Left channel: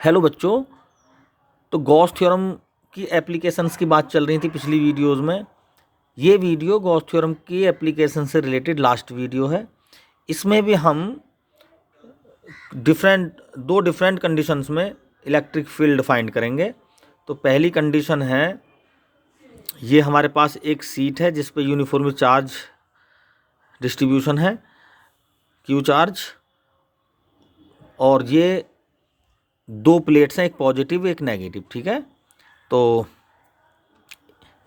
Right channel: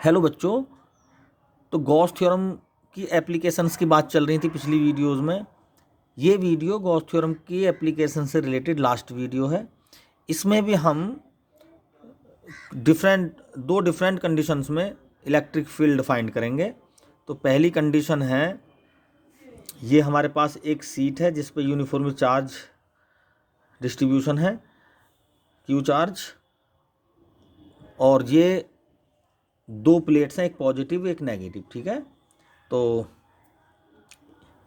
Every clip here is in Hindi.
हेलो बच्चों। तो गॉस थ्योरम की एप्लीकेशंस की बात चल रही थी पिछली वीडियोस में। ये वीडियो गॉस थ्योरम की एप्लीकेशन से रिलेटेड लास्ट वीडियो है। इसमें भी हम दो डिफरेंट कंडीशंस में इलेक्ट्रिक फील्ड फाइंड करेंगे। तो पहली कंडीशन है, ये हमारे पास एक सीट है जिस पे यूनिफॉर्म चार्ज डिस्ट्रीब्यूशन है, क्यू चार्ज, और ये दो प्लेट्स हैं, एक पॉजिटिव एक नेगेटिव। ठीक है, तो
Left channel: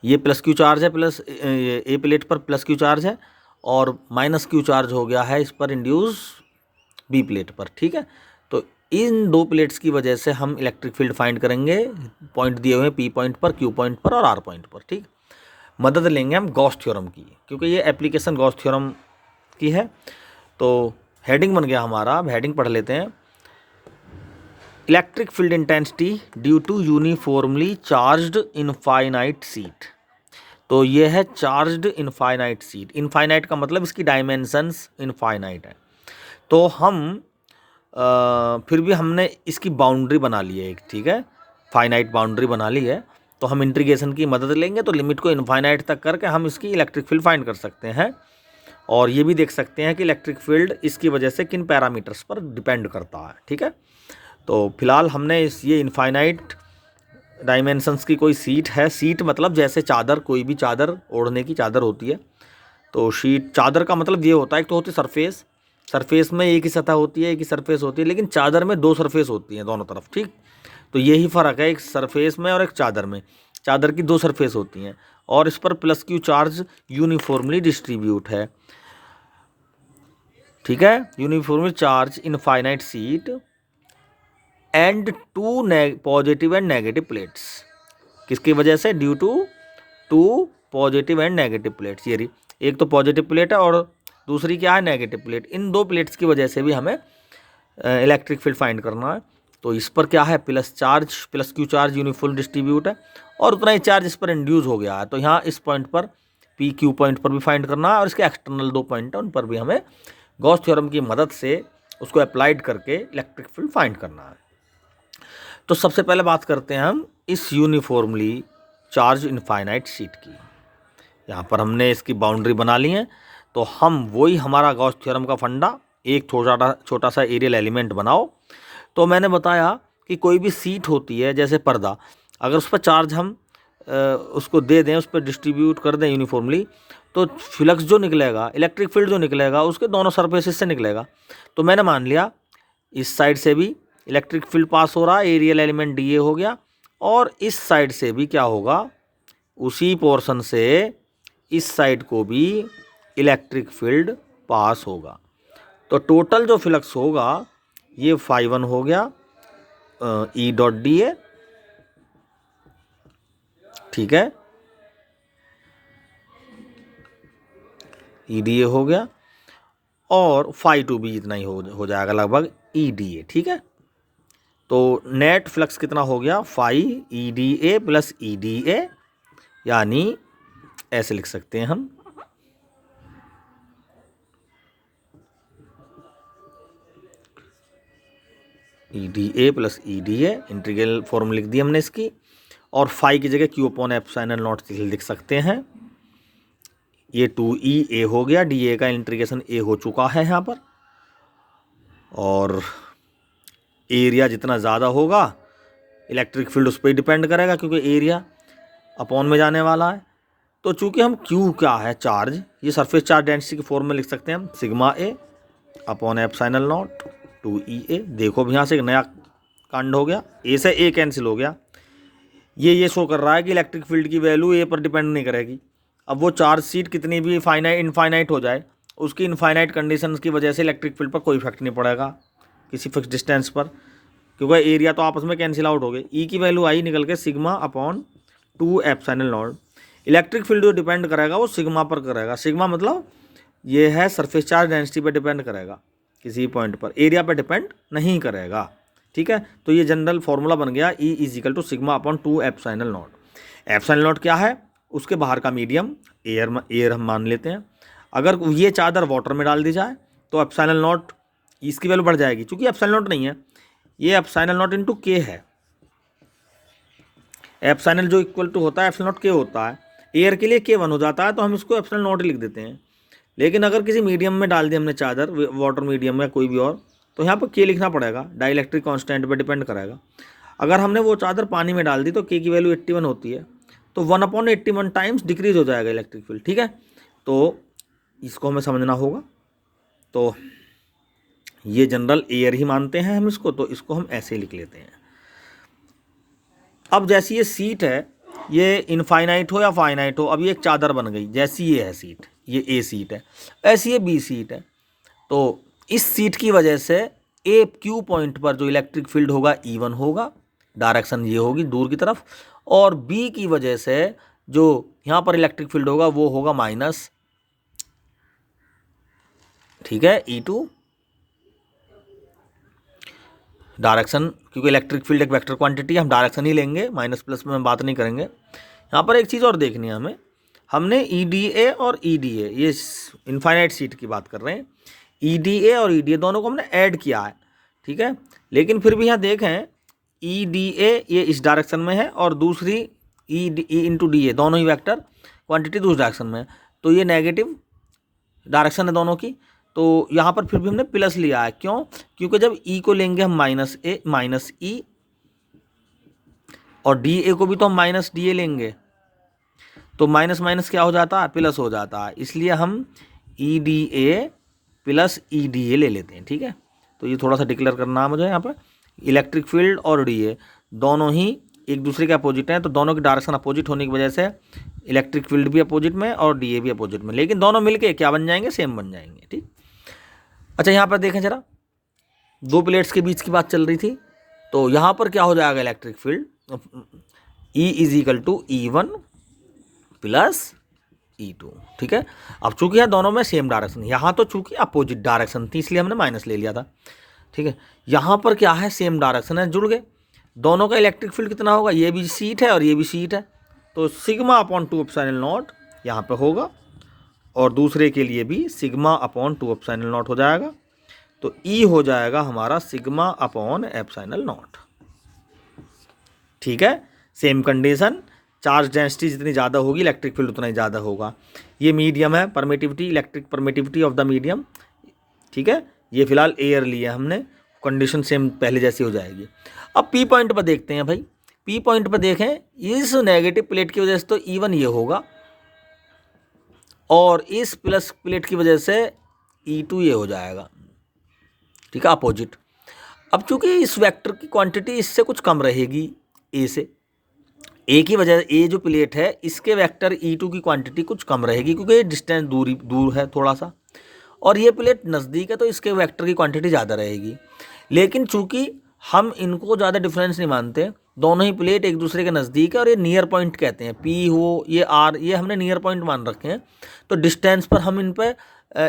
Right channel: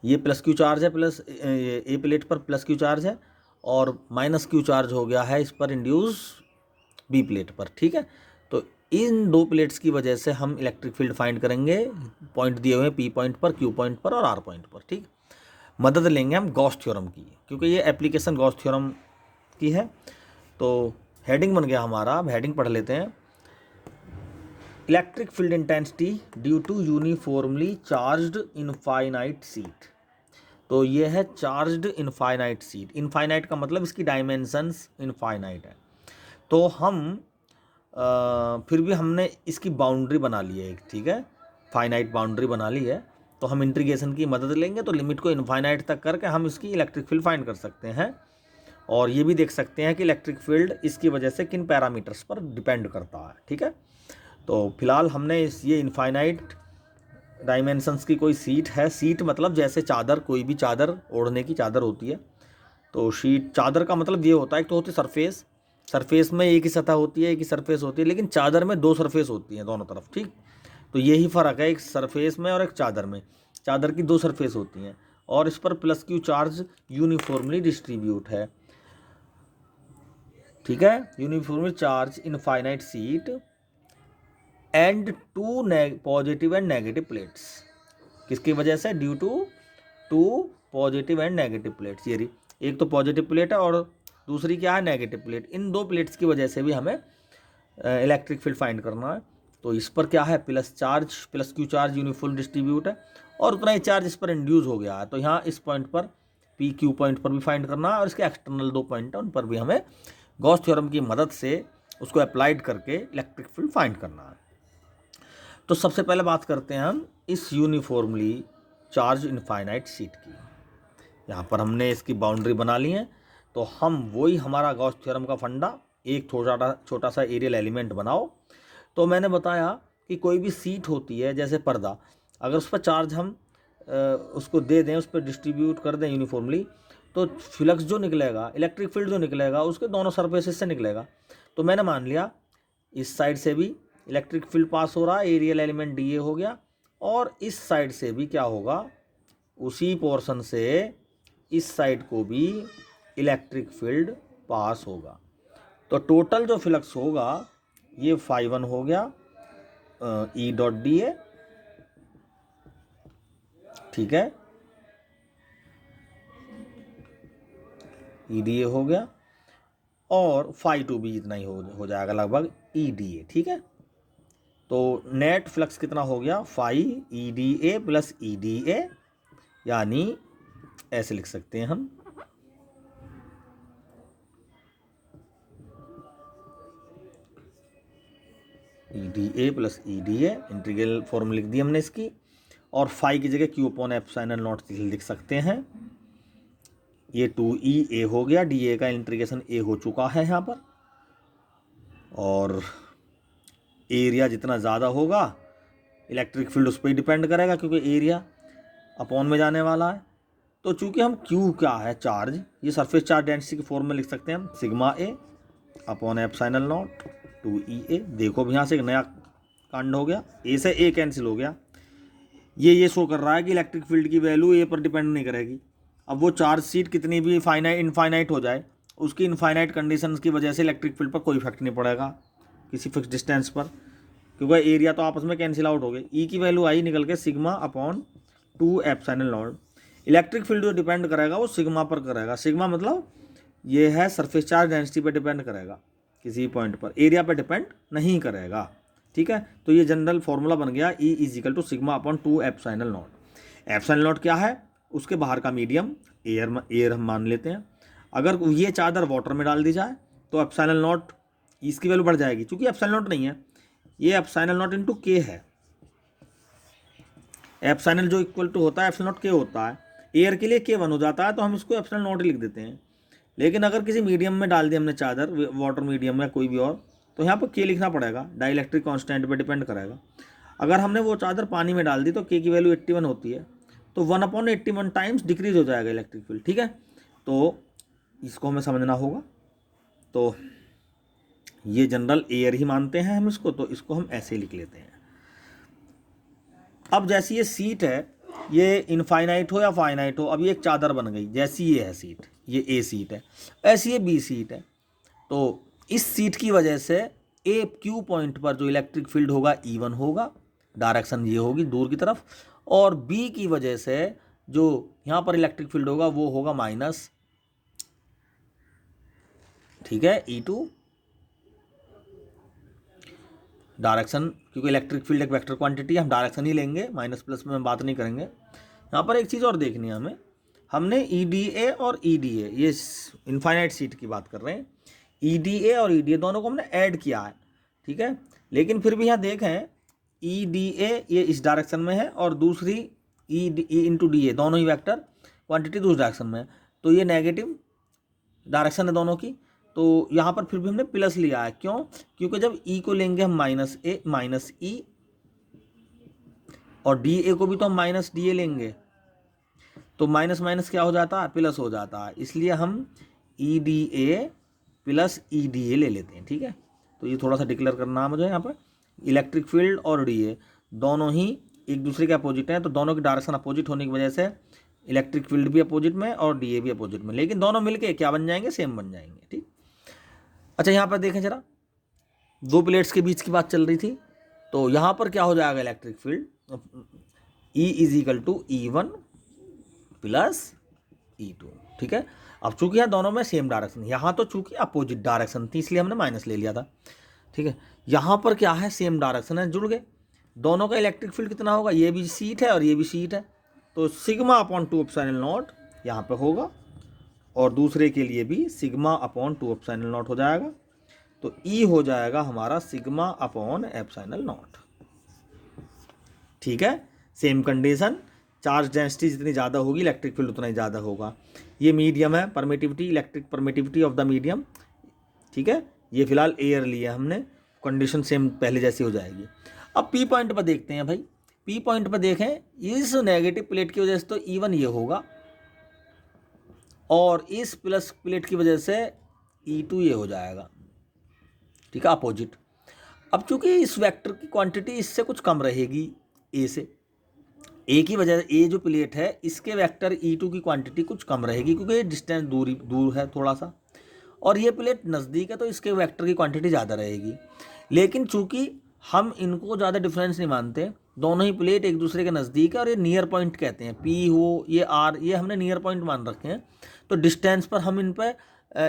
ये प्लस क्यू चार्ज है, प्लस ए प्लेट पर प्लस क्यू चार्ज है, और माइनस क्यू चार्ज हो गया है इस पर इंड्यूस बी प्लेट पर। ठीक है, तो इन दो प्लेट्स की वजह से हम इलेक्ट्रिक फील्ड फाइंड करेंगे। पॉइंट दिए हुए हैं पी पॉइंट पर, क्यू पॉइंट पर और आर पॉइंट पर। ठीक, मदद लेंगे हम गॉस थ्योरम की, क्योंकि ये एप्लीकेशन गॉस थ्योरम की है। तो हेडिंग बन गया हमारा, अब हेडिंग पढ़ लेते हैं। Electric field intensity due to uniformly charged infinite sheet. तो ये है चार्ज्ड इनफाइनाइट सीट। इनफाइनाइट का मतलब इसकी डायमेंशंस इनफाइनाइट है। तो हम फिर भी हमने इसकी बाउंड्री बना ली है एक। ठीक है, फाइनाइट बाउंड्री बना ली है। तो हम इंटीग्रेशन की मदद लेंगे, तो लिमिट को इनफाइनाइट तक करके हम इसकी इलेक्ट्रिक फील्ड फाइंड कर सकते हैं। और ये भी देख सकते हैं कि इलेक्ट्रिक फील्ड इसकी वजह से किन पैरामीटर्स पर डिपेंड करता है। ठीक है, तो फिलहाल हमने ये इनफाइनाइट डायमेंशंस की कोई सीट है। सीट मतलब जैसे चादर, कोई भी चादर, ओढ़ने की चादर होती है। तो शीट, चादर का मतलब ये होता है, एक तो होती सरफेस, सरफेस में एक ही सतह होती है, एक ही सरफेस होती है, लेकिन चादर में दो सरफेस होती हैं दोनों तरफ। ठीक, तो यही फ़र्क है एक सरफेस में और एक चादर में। चादर की दो सरफेस होती हैं और इस पर plus q charge uniformly distribute है। ठीक है, uniformly charged infinite sheet and two positive and negative plates. किसकी वजह से? Due to positive and negative plates. ये रही, एक तो पॉजिटिव प्लेट है और दूसरी क्या है? Negative plate. इन दो प्लेट्स की वजह से भी हमें इलेक्ट्रिक फील्ड फाइंड करना है। तो इस पर क्या है? Plus charge, plus q charge uniform distribute है और उतना ही चार्ज इस पर इंड्यूस हो गया है। तो यहाँ इस पॉइंट पर, पी क्यू पॉइंट पर भी फाइंड करना है, और इसके एक्सटर्नल दो पॉइंट है उन पर भी हमें गॉस थ्योरम की मदद से उसको अप्लाइड करके इलेक्ट्रिक फील्ड फाइंड करना है। तो सबसे पहले बात करते हैं हम इस यूनिफॉर्मली चार्ज इनफाइनाइट शीट की। यहाँ पर हमने इसकी बाउंड्री बना ली है। तो हम वही, हमारा गॉस थ्योरम का फंडा, एक छोटा सा एरियल एलिमेंट बनाओ। तो मैंने बताया कि कोई भी सीट होती है, जैसे पर्दा, अगर उस पर चार्ज हम उसको दे दें, उस पर डिस्ट्रीब्यूट कर दें यूनिफॉर्मली, तो फ्लक्स जो निकलेगा, इलेक्ट्रिक फील्ड जो निकलेगा, उसके दोनों सरफेसेस से निकलेगा। तो मैंने मान लिया इस साइड से भी इलेक्ट्रिक फील्ड पास हो रहा है, एरियल एलिमेंट डी ए हो गया, और इस साइड से भी क्या होगा? उसी पोर्शन से इस साइड को भी इलेक्ट्रिक फील्ड पास होगा। तो टोटल जो फ्लक्स होगा ये φ1 हो गया, ई डॉट डी ए। ठीक है, ई डी ए हो गया, और φ2 भी इतना ही हो जाएगा लगभग, ई डी ए। ठीक है, तो नेट फ्लक्स कितना हो गया? Phi E D A plus E D A, यानी ऐसे लिख सकते हैं हम, E D A plus E D A. Integral form लिख दी हमने इसकी, और फाई की जगह क्यू अपॉन एप्सिलॉन नॉट लिख सकते हैं। ये 2e ए हो गया, डी ए का इंटीग्रेशन ए हो चुका है यहाँ पर। और एरिया जितना ज़्यादा होगा इलेक्ट्रिक फील्ड उस पर ही डिपेंड करेगा, क्योंकि एरिया अपॉन में जाने वाला है। तो चूंकि हम क्यू क्या है? चार्ज, ये सरफेस चार्ज डेंसिटी के फॉर्म में लिख सकते हैं हम, sigma A upon epsilon not 2e ए। देखो भी यहाँ से एक नया कांड हो गया, ए से ए कैंसिल हो गया। ये शो कर रहा है कि इलेक्ट्रिक फील्ड की वैल्यू ए पर डिपेंड नहीं करेगी। अब वो चार्ज सीट कितनी भी इनफाइनाइट हो जाए, उसकी इनफाइनाइट कंडीशंस की वजह से इलेक्ट्रिक फील्ड पर कोई इफेक्ट नहीं पड़ेगा किसी फिक्स डिस्टेंस पर, क्योंकि एरिया तो आपस में कैंसिल आउट हो गए। ई की वैल्यू आई निकल के sigma upon 2 epsilon not. Electric field जो डिपेंड करेगा वो सिग्मा पर करेगा। सिग्मा मतलब ये है सरफेस चार्ज डेंसिटी पर डिपेंड करेगा किसी पॉइंट पर, एरिया पर डिपेंड नहीं करेगा। ठीक है, तो ये जनरल फॉर्मूला बन गया, E equal to sigma upon 2 epsilon naught. Epsilon naught क्या है? उसके बाहर का मीडियम, एयर हम मान लेते हैं। अगर ये चादर वाटर में डाल दी जाए तो एप्सिलॉन नॉट, इसकी वैल्यू बढ़ जाएगी, क्योंकि एप्सिलॉन नॉट नहीं है, ये एप्सिलॉन नॉट इंटू के है। एप्सिलॉन जो इक्वल टू होता है एप्सिलॉन नॉट के होता है, एयर के लिए के 1 हो जाता है, तो हम इसको एप्सिलॉन नॉट लिख देते हैं। लेकिन अगर किसी मीडियम में डाल दिया हमने चादर, वाटर मीडियम या कोई भी और, तो यहाँ पर के लिखना पड़ेगा, डाइलेक्ट्रिक कांस्टेंट पे डिपेंड करेगा। अगर हमने वो चादर पानी में डाल दी तो के की वैल्यू 81 होती है, तो 1/81 टाइम्स डिक्रीज हो जाएगा इलेक्ट्रिक फील्ड। ठीक है, तो इसको हमें समझना होगा। तो ये जनरल एयर ही मानते हैं हम इसको, तो इसको हम ऐसे लिख लेते हैं। अब जैसी ये सीट है, ये इनफाइनाइट हो या फाइनाइट हो, अब ये एक चादर बन गई। जैसी ये है सीट, ये ए सीट है, ऐसी ये बी सीट है। तो इस सीट की वजह से ए क्यू पॉइंट पर जो इलेक्ट्रिक फील्ड होगा E1 होगा, डायरेक्शन ये होगी दूर की तरफ, और बी की वजह से जो यहाँ पर इलेक्ट्रिक फील्ड होगा वो होगा माइनस, ठीक है, E2 डायरेक्शन, क्योंकि इलेक्ट्रिक फील्ड एक वेक्टर क्वांटिटी है, हम डायरेक्शन ही लेंगे, माइनस प्लस में हम बात नहीं करेंगे। यहाँ पर एक चीज़ और देखनी है हमें, हमने EDA और EDA, ये इनफाइनाइट सीट की बात कर रहे हैं, EDA और EDA दोनों को हमने ऐड किया है, ठीक है। लेकिन फिर भी यहाँ देखें EDA ये इस डायरेक्शन में है और दूसरी E इंटू DA, दोनों ही वेक्टर क्वांटिटी दूसरी डायरेक्शन में है, तो ये नेगेटिव डायरेक्शन है दोनों की। तो यहाँ पर फिर भी हमने प्लस लिया है, क्यों? क्योंकि जब E को लेंगे हम माइनस E, और DA को भी तो हम माइनस DA लेंगे, तो माइनस माइनस क्या हो जाता है, प्लस हो जाता है, इसलिए हम EDA प्लस EDA ले लेते हैं। ठीक है, तो ये थोड़ा सा डिक्लेयर करना है मुझे यहाँ पर। इलेक्ट्रिक फील्ड और DA दोनों ही एक दूसरे के अपोजिट हैं, तो दोनों की डायरेक्शन अपोजिट होने की वजह से इलेक्ट्रिक फील्ड भी अपोजिट में और DA भी अपोजिट में, लेकिन दोनों मिलके क्या बन जाएंगे, सेम बन जाएंगे। ठीक, अच्छा यहाँ पर देखें जरा, दो प्लेट्स के बीच की बात चल रही थी, तो यहाँ पर क्या हो जाएगा, electric field E is equal to E1 plus E2। ठीक है, अब चूंकि यहाँ दोनों में सेम डायरेक्शन, यहाँ तो चूंकि अपोजिट डायरेक्शन थी इसलिए हमने माइनस ले लिया था। ठीक है, यहाँ पर क्या है, सेम डायरेक्शन है, जुड़ गए दोनों का। इलेक्ट्रिक फील्ड कितना होगा, ये भी सीट है और ये भी सीट है, तो सिग्मा अपॉन 2 एप्सिलॉन नॉट यहाँ पे होगा, और दूसरे के लिए भी सिग्मा अपॉन 2 एप्सिलॉन नॉट हो जाएगा। तो E हो जाएगा हमारा सिग्मा अपॉन एप्सिलॉन नॉट। ठीक है, सेम कंडीशन, चार्ज डेंसिटी जितनी ज़्यादा होगी इलेक्ट्रिक फील्ड उतना ही ज़्यादा होगा। ये मीडियम है, permittivity, electric permittivity of the medium. ठीक है, ये फिलहाल एयर लिया हमने, कंडीशन सेम पहले जैसी हो जाएगी। अब P पॉइंट पर देखते हैं भाई, P पॉइंट पर देखें, इस नेगेटिव प्लेट की वजह से तो E1 ये होगा, और इस प्लस प्लेट की वजह से E2 ये हो जाएगा। ठीक है, अपोजिट। अब चूंकि इस वेक्टर की क्वांटिटी इससे कुछ कम रहेगी, ए से, ए की वजह, ए जो प्लेट है इसके वेक्टर E2 की क्वांटिटी कुछ कम रहेगी, क्योंकि ये डिस्टेंस दूर है थोड़ा सा, और ये प्लेट नज़दीक है तो इसके वेक्टर की क्वांटिटी ज़्यादा रहेगी। लेकिन चूंकि हम इनको ज़्यादा डिफरेंस नहीं मानते, दोनों ही प्लेट एक दूसरे के नज़दीक है, और ये नियर पॉइंट कहते हैं, P हो ये R, ये हमने नियर पॉइंट मान रखे हैं, तो डिस्टेंस पर हम इन पर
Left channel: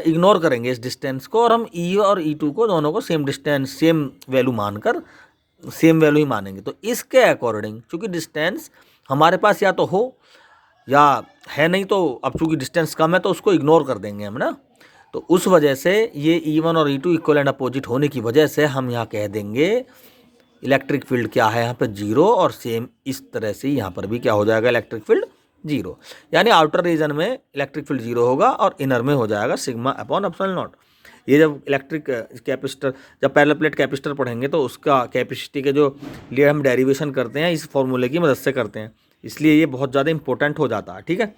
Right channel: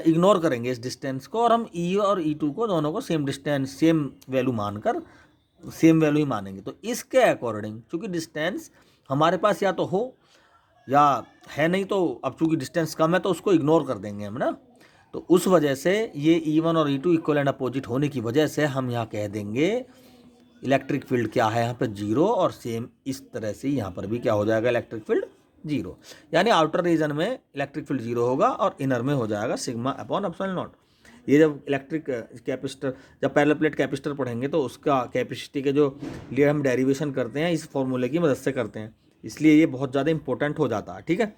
इग्नोर करेंगे इस डिस्टेंस को, और हम E और E2 को दोनों को सेम डिस्टेंस सेम वैल्यू मानकर सेम वैल्यू ही मानेंगे। तो इसके अकॉर्डिंग चूँकि डिस्टेंस हमारे पास या तो हो या है नहीं, तो अब चूँकि डिस्टेंस कम है तो उसको इग्नोर कर देंगे हम ना, तो उस वजह से ये E1 और E2 इक्वल एंड अपोजिट होने की वजह से हम यहाँ कह देंगे इलेक्ट्रिक फील्ड क्या है यहाँ पे 0, और सेम इस तरह से यहाँ पर भी क्या हो जाएगा, इलेक्ट्रिक फील्ड 0, यानी आउटर रीजन में इलेक्ट्रिक फील्ड 0 होगा और इनर में हो जाएगा सिग्मा अपॉन एप्सिलॉन नॉट। ये जब इलेक्ट्रिक कैपेसिटर, जब पैरेलल प्लेट कैपेसिटर पढ़ेंगे तो उसका कैपेसिटी के जो लिए हम डेरिवेशन करते हैं इस फॉर्मूले की मदद से करते हैं, इसलिए ये बहुत ज़्यादा इंपॉर्टेंट हो जाता है। ठीक है,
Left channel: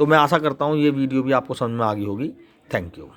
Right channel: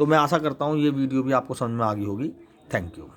तो मैं आशा करता हूँ ये वीडियो भी आपको समझ में आ गई होगी। Thank you.